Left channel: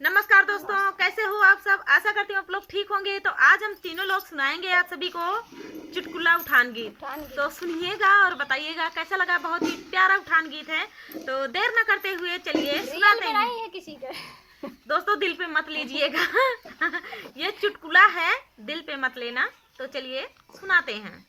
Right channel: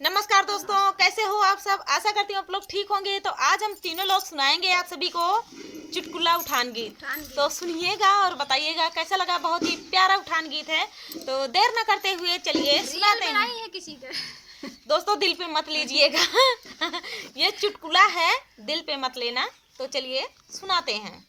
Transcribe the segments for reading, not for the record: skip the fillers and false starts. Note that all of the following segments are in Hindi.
नमस्कार दोस्तों, कैसे हो आप सब। आशा करती हूँ आप लोग ठीक होंगे। तो आज हम तीनों लोग सुनाएंगे आप सभी को चुटकुला उठान गीत। तो सुनिएगा और बताइएगा कैसा लगा। बहुत ही प्यारा उठान गीत है। तो देर न करते हुए चलिए सुनाते हैं। नहीं है किसी का दोस्तों दिल पे मत लीजिएगा ये चुटकुला है, दिल पे मत लेना। तो चलिए सुनाते हैं।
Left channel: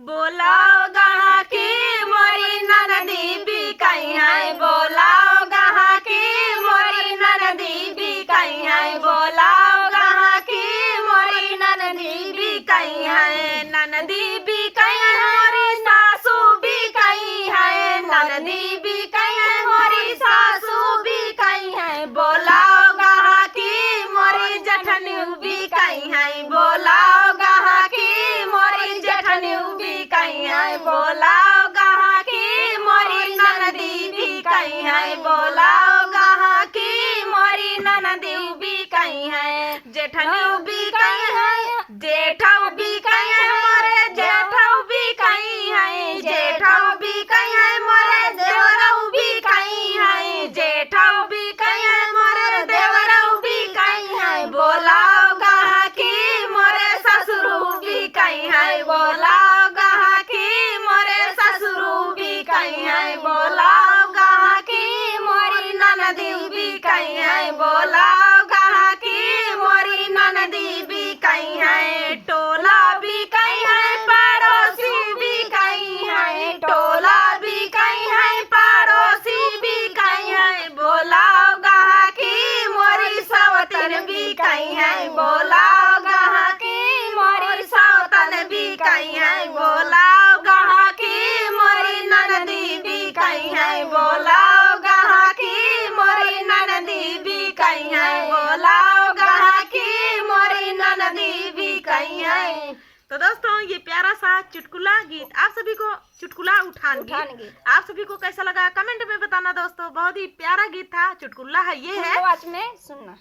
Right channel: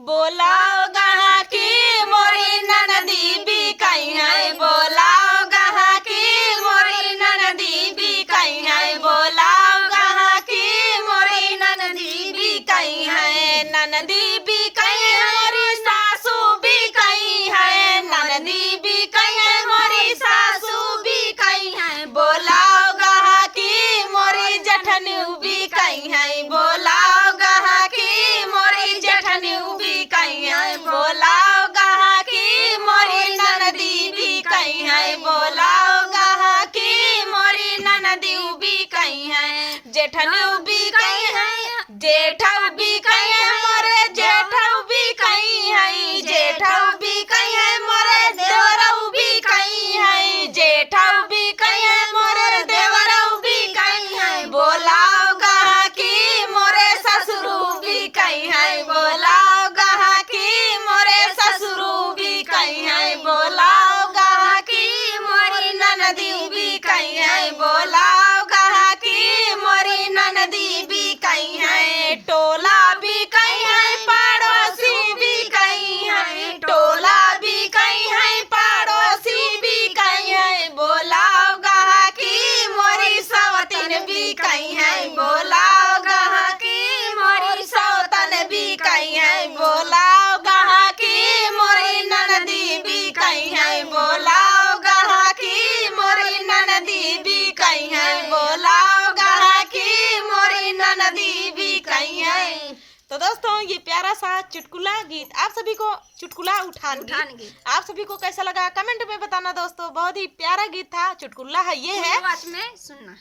बोलाओ गहा की मोरी ननदी भी कहीं है, बोलाओ गहा की मोरी ननदी भी कहीं है, बोलाओ गहा की मोरी ननदी भी कहीं है, ननदी भी कहीं है मोरी सासू भी कहीं है, ननदी भी कहीं है मोरी सासू भी कहीं है, बोलाओ गहा की मोरी जठनी भी कहीं है, बोलाओ गहा की मोरी जठनी भी कहीं है, बोलाओ गहा की मोरी ननदी भी कहीं है, बोलाओ गहा की मोरी ननदी भी कहीं है, जेठनी भी कहीं है, जेठा भी कहीं है मोरे जेठा भी कहीं है, जेठा भी कहीं है मोरे देवरऊ भी कहीं है, जेठा भी कहीं है मोरे देवरऊ भी कहीं है, बोलाओ गहा की मोरे ससुरू भी कहीं है, बोलाओ गहा की मोरे ससुरू भी कहीं है, बोलाओ गहा की मोरी ननदी भी कहीं है, बोलाओ गहा की मोरी ननदी भी कहीं है, टोला भी कहीं है पड़ोसी भी कहीं है, टोला भी कहीं है पड़ोसी भी कहीं है, बोलाओ गहा की मोरी सवतन भी कहीं है, बोलाओ गहा की मोरी सवतन भी कहीं है, बोलाओ गहा की मोरी ननदी भी कहीं है, बोलाओ गहा की मोरी ननदी भी कहीं है, बोलाओ गहा की मोरी ननदी भी कहीं है। तो दोस्तों ये प्यारा सा चुटकुला गीत आप सभी को, चुटकुला उठान गीत आप सभी को कैसा लगा कमेंट में बताना दोस्तों। बहुत ही प्यारा गीत था, चुटकुला है ये है, आवाज में सुनना।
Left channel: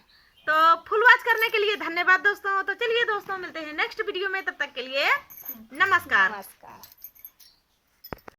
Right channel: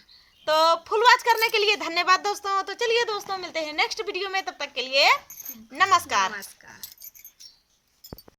तो फुल वॉच करने के लिए धन्यवाद दोस्तों। तो चलिए दोस्तों मिलते हैं नेक्स्ट वीडियो में, तब तक के लिए नमस्कार।